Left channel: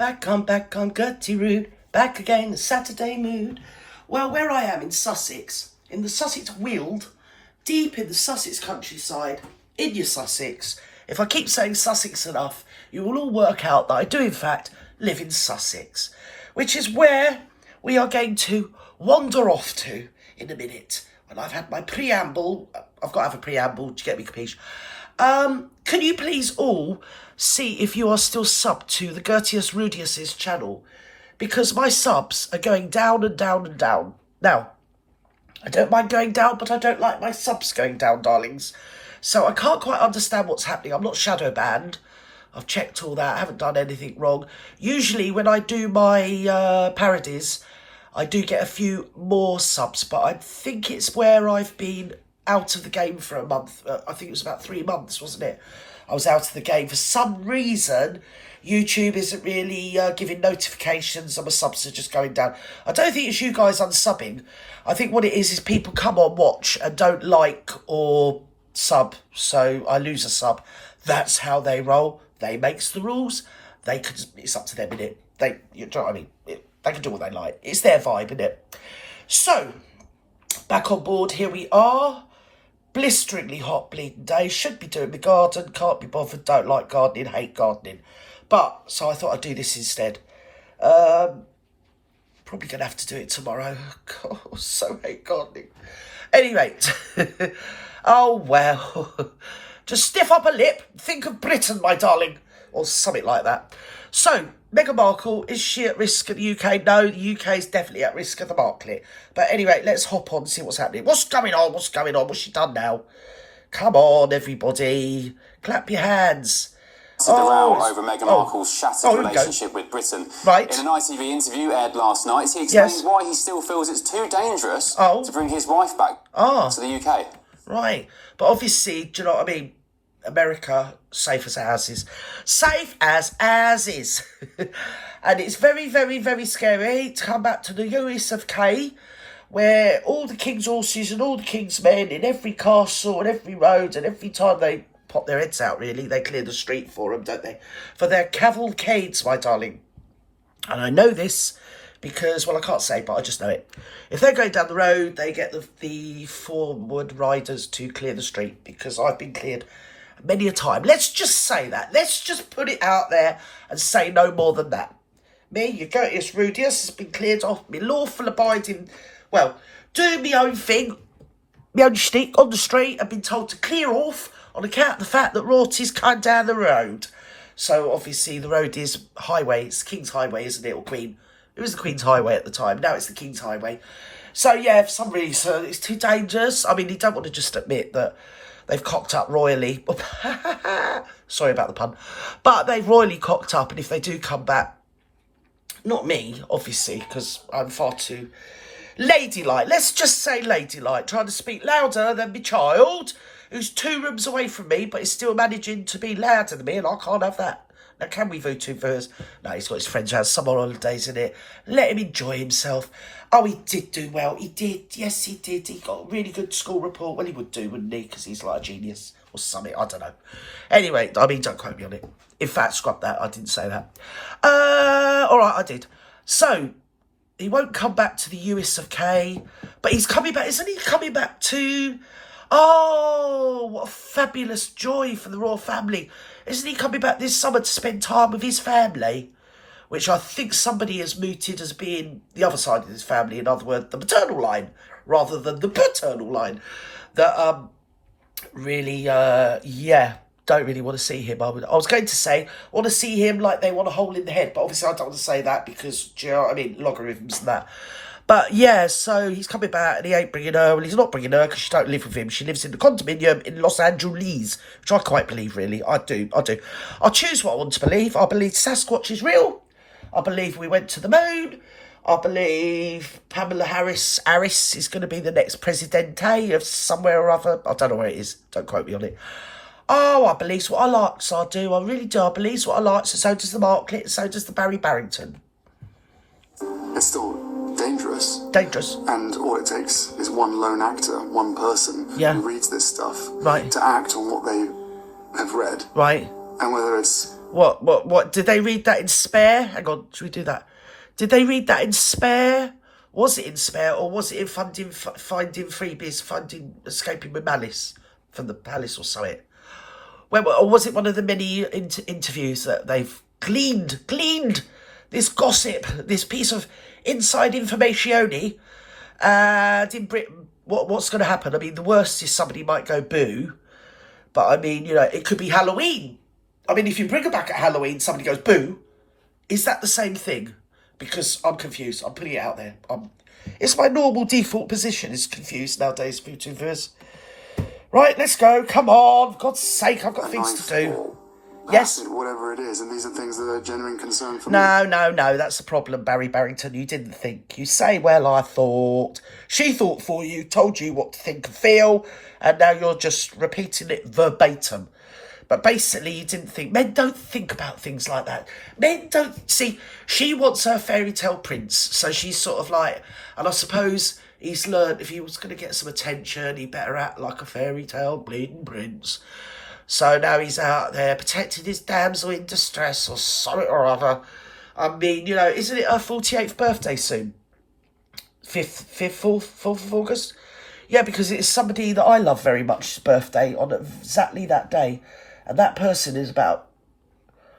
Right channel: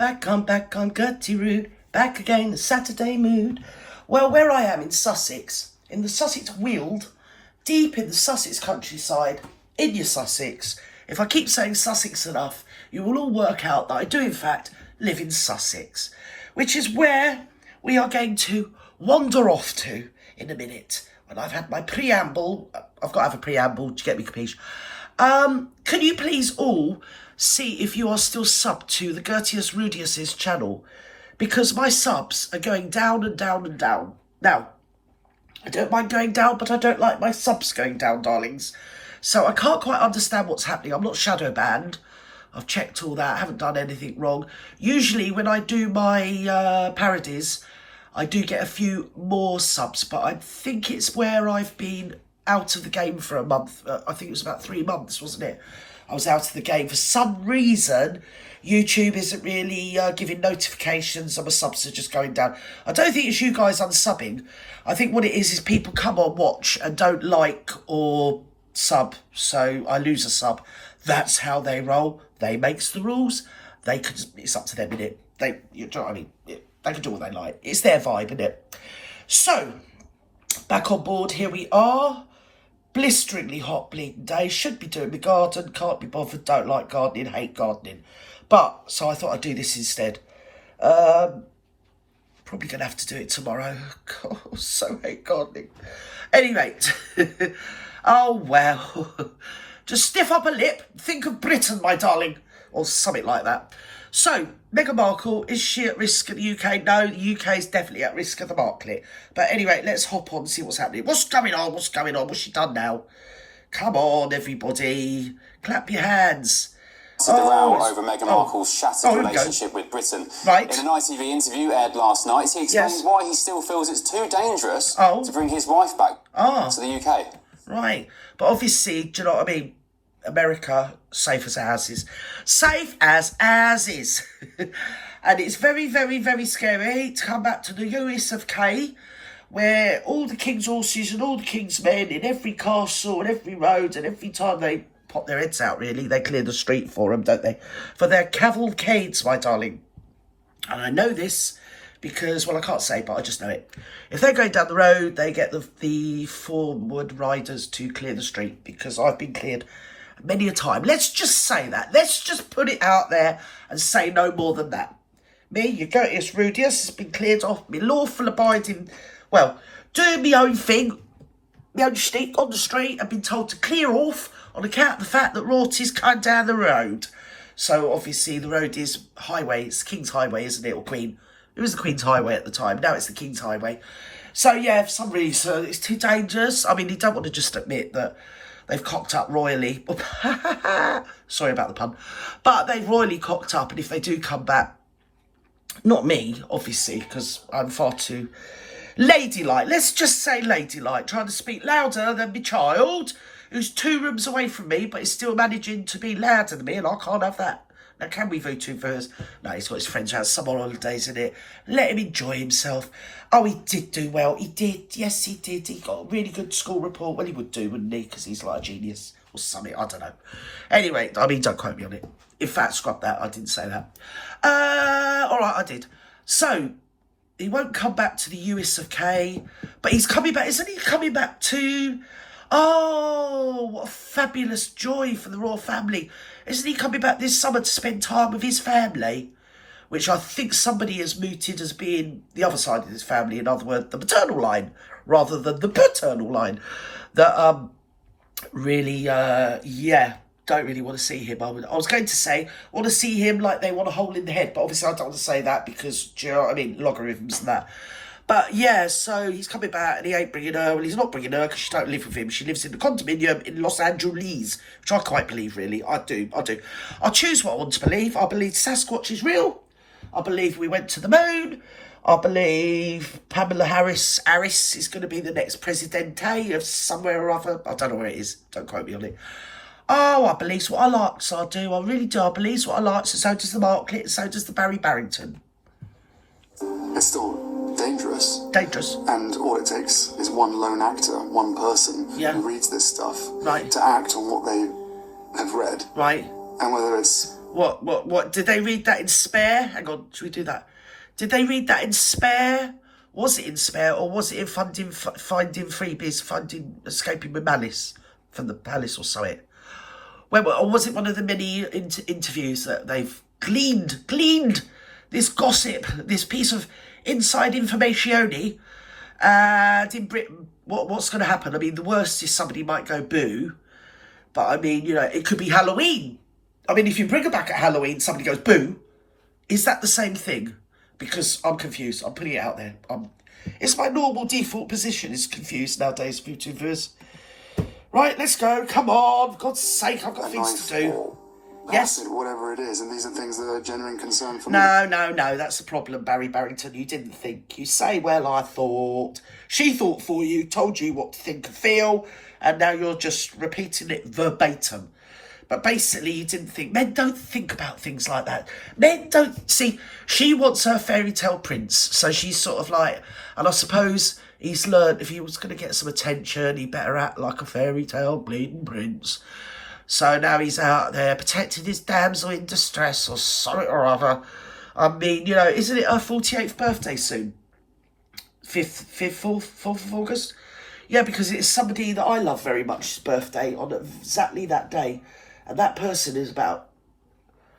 Back on Gertie Road, back again, the Saturday mood. Well, where I am in Sussex, in the Sussex Weald, deep in the Sussex countryside, in your Sussex. If I keep saying Sussex enough, you will all work out that I do in fact live in Sussex, which is where we are going to wander off to in a minute. When I've had my preamble, I've got to have a preamble to get me capiche. Can you please all see if you are still subbed to the Gertius Rudius's channel? Because my subs are going down and down and down. Now, I don't mind going down, but I don't like my subs going down, darlings. So I can't quite understand what's happening. I'm not shadow banned. I've checked all that. I haven't done anything wrong. Usually when I do my parodies, I do get a few more subs, but I think it's where I've been out of the game for a month. I think it was about 3 months, wasn't it? I was out of the game. For some reason, YouTube isn't really giving notifications and my subs are just going down. I don't think it's you guys unsubbing. I think what it is people come on, watch, and don't like or sub. So I lose a sub. That's how they roll. They makes the rules. They could. It's up to them, innit? You know what I mean? They can do what they like. It's their vibe, innit? So, back on board. Here we are. Blisteringly hot bleeding day. Should be doing my garden. Can't be bothered. Don't like gardening. Hate gardening. But, so I thought I'd do this instead. Probably going to have to do it tomorrow. God, I so hate gardening. Anyway. Oh, well. Just stiff up a lip. Think of Britain, my darling. Or something like that. So, Meghan Markle, is she at risk of the UK? No, the UK is definitely at risk of the Marklet. But anyway, let's hop on and see what's happening. What's going on? What's going on? What's she done now? Come on, everybody. Clap your hands. The row over Meghan Markle's shattered relationship with Britain. Right. In an ITV interview aired last night, he explains why he still feels it's too dangerous to bring his wife back to the UK. Right. But obviously, do you know what I mean? America, safe as houses. Safe as houses. And it's very, very, very scary to come back to the US of K, where all the king's horses and all the king's men in every castle and every road, and every time they pop their heads out, really, they clear the street for them, don't they? For their cavalcades, my darling. And I know this because, well, I can't say, but I just know it. If they're going down the road, they get the forward riders to clear the street, because I've been cleared many a time. Let's just say that. Let's just put it out there and say no more than that. Me, your Gertius Rudius, has been cleared off. Me lawful abiding, well, doing my own thing, my own shtick on the street, and been told to clear off on account of the fact that royalties come down the road. So obviously the road is highway. It's the King's Highway, isn't it, or Queen? It was the Queen's Highway at the time. Now it's the King's Highway. So yeah, for some reason it's too dangerous. I mean, you don't want to just admit that they've cocked up royally. Sorry about the pun. But they've royally cocked up, and if they do come back, not me, obviously, because I'm far too ladylike. Let's just say ladylike, trying to speak louder than my child, who's 2 rooms away from me, but is still managing to be louder than me, and I can't have that. Now, can we vote him first? No, he's got his friends around summer holidays, in it. Let him enjoy himself. Oh, he did do well. He did. Yes, he did. He got a really good school report. Well, he would do, wouldn't he? Because he's like a genius or something. I don't know. Anyway, I mean, don't quote me on it. In fact, scrub that. I didn't say that. All right, I did. So, he won't come back to the US of K, but he's coming back. Isn't he coming back to... Oh, what a fabulous joy for the royal family. Isn't he coming back this summer to spend time with his family? Which I think somebody has mooted as being the other side of his family. In other words, the maternal line, rather than the paternal line. That, really, yeah, don't really want to see him. I was going to say, want to see him like they want a hole in the head. But obviously I don't want to say that because, do you know what I mean? Logarithms and that. But yeah, so he's coming back and he ain't bringing her. Well, he's not bringing her because she don't live with him. She lives in the condominium in Los Angeles, which I quite believe, really. I do. I choose what I want to believe. I believe Sasquatch is real. I believe we went to the moon. I believe Pamela Harris is going to be the next presidente of somewhere or other. I don't know where it is. Don't quote me on it. Oh, I believe what I like, so I do. I really do. I believe what I like, so does the Marklet, so does the Barry Barrington. It's still dangerous. Dangerous. And all it takes is one lone actor, one person who reads this stuff to act on what they have read. Right. And whether it's What? Did they read that in Spare? Hang on, should we do that? Did they read that in Spare? Was it in Spare, or was it in Finding Freebies, Escaping with Malice from the Palace or something? Or was it one of the many interviews that they've gleaned this gossip, this piece of inside information? And in Britain, what's going to happen? I mean, the worst is somebody might go boo, but I mean, you know, it could be Halloween. I mean, if you bring her back at Halloween, somebody goes boo. Is that the same thing? Because I'm confused. I'm putting it out there. It's my normal default position is confused nowadays, YouTubers. Right, let's go. Come on. For God's sake, I've got things to do. Yes. Acid, whatever it is, and these are things that are genuine concern for me. No, that's the problem, Barry Barrington. You didn't think. You say, well, I thought. She thought for you, told you what to think and feel, and now you're just repeating it verbatim. But basically, you didn't think. Men don't think about things like that. Men don't... See, she wants her fairy tale prince. So she's sort of like... And I suppose he's learned if he was going to get some attention, he better act like a fairy tale bleeding prince. So now he's out there protecting his damsel in distress or something or other. I mean, you know, isn't it her 48th birthday soon? 4th of August? Yeah, because it's somebody that I love very much's birthday on exactly that day. And that person is about,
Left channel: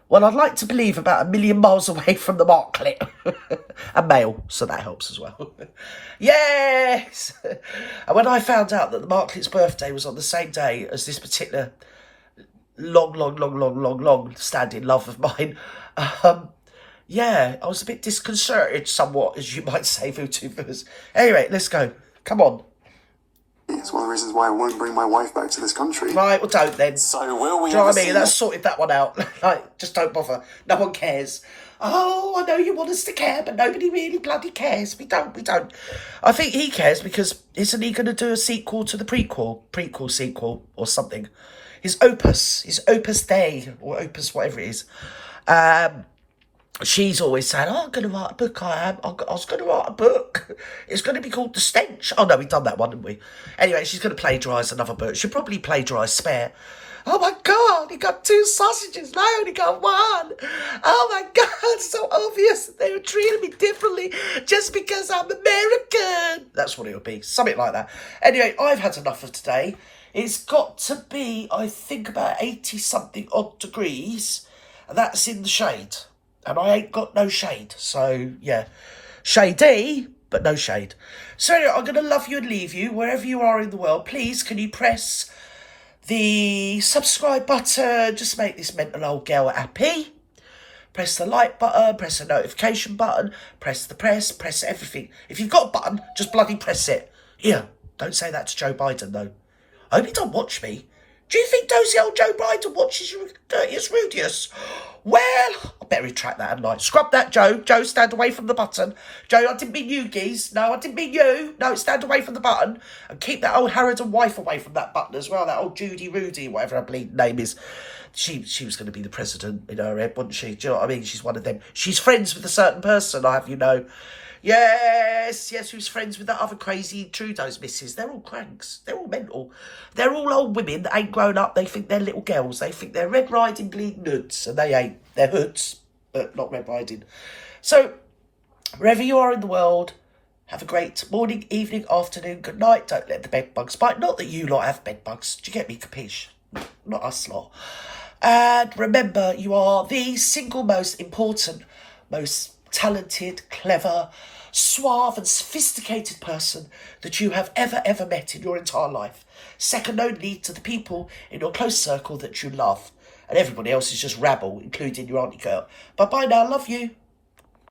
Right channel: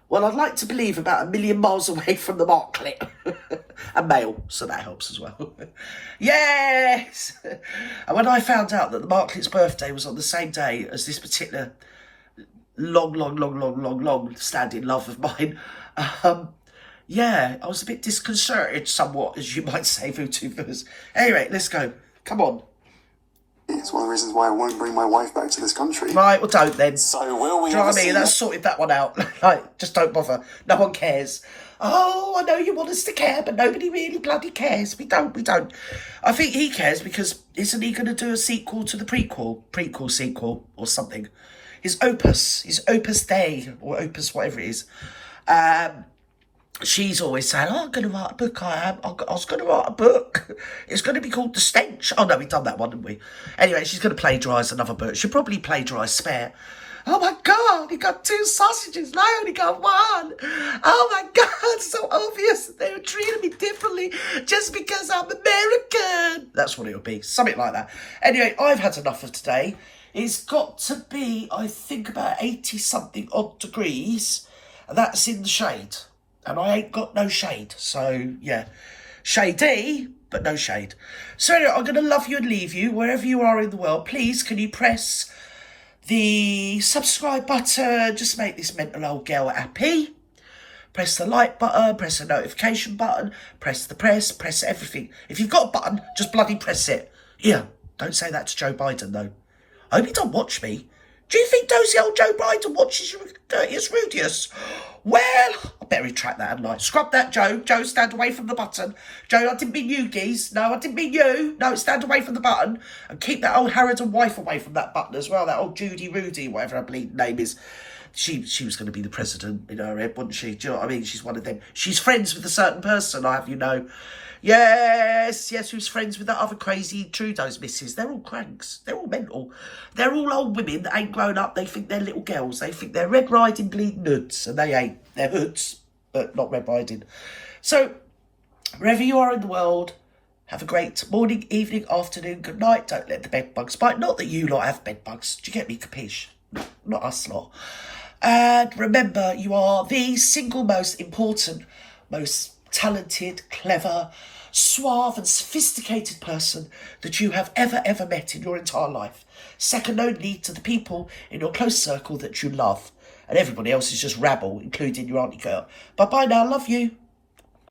well, I'd like to believe about 1 million miles away from the marklet. A male, so that helps as well. Yes! And when I found out that the marklet's birthday was on the same day as this particular long standing love of mine, yeah, I was a bit disconcerted somewhat, as you might say, VTubers. Anyway, let's go. Come on. It's one of the reasons why I won't bring my wife back to this country. Right, well, don't then. So will we? Do you know what I mean? That's sorted that one out. Like, just don't bother. No one cares. Oh, I know you want us to care, but nobody really bloody cares. We don't. I think he cares because isn't he going to do a sequel to the prequel sequel or something? His opus Dei or opus whatever it is. She's always saying, oh, I'm going to write a book, I was going to write a book. It's going to be called The Stench. Oh, no, we've done that one, haven't we? Anyway, she's going to plagiarise another book. She'll probably plagiarise Spare. Oh, my God, he got 2 sausages. I only got 1. Oh, my God, it's so obvious that they were treating me differently just because I'm American. That's what it'll be, something like that. Anyway, I've had enough of today. It's got to be, I think, about 80-something odd degrees. And that's in the shade. And I ain't got no shade. So, yeah. Shady, but no shade. So, anyway, I'm going to love you and leave you wherever you are in the world. Please, can you press the subscribe button? Just make this mental old girl happy. Press the like button. Press the notification button. Press everything. If you've got a button, just bloody press it. Yeah, don't say that to Joe Biden, though. I hope he don't watch me. Do you think dozy old Joe Biden watches you dirtiest, rudiest? Well, I better retract that, hadn't I? Scrub that, Joe. Joe, stand away from the button. Joe, I didn't mean you, geese. No, I didn't mean you. No, stand away from the button. And keep that old Harrod and wife away from that button as well. That old Judy Rudy, whatever her bleeding name is. She was going to be the president in her head, wasn't she? Do you know what I mean? She's one of them. She's friends with a certain person, I have you know. Yes, who's friends with that other crazy Trudeau's missus. They're all cranks. They're all mental. They're all old women that ain't grown up. They think they're little girls. They think they're Red Riding bleeding hoods. And they ain't. They're hoods, but not Red Riding. So, wherever you are in the world, have a great morning, evening, afternoon, good night. Don't let the bed bugs bite. Not that you lot have bed bugs. Do you get me, capiche? Not us lot. And remember, you are the single most important, most talented, clever, suave and sophisticated person that you have ever met in your entire life. Second only to the people in your close circle that you love. And everybody else is just rabble, including your auntie girl. Bye-bye now, love you.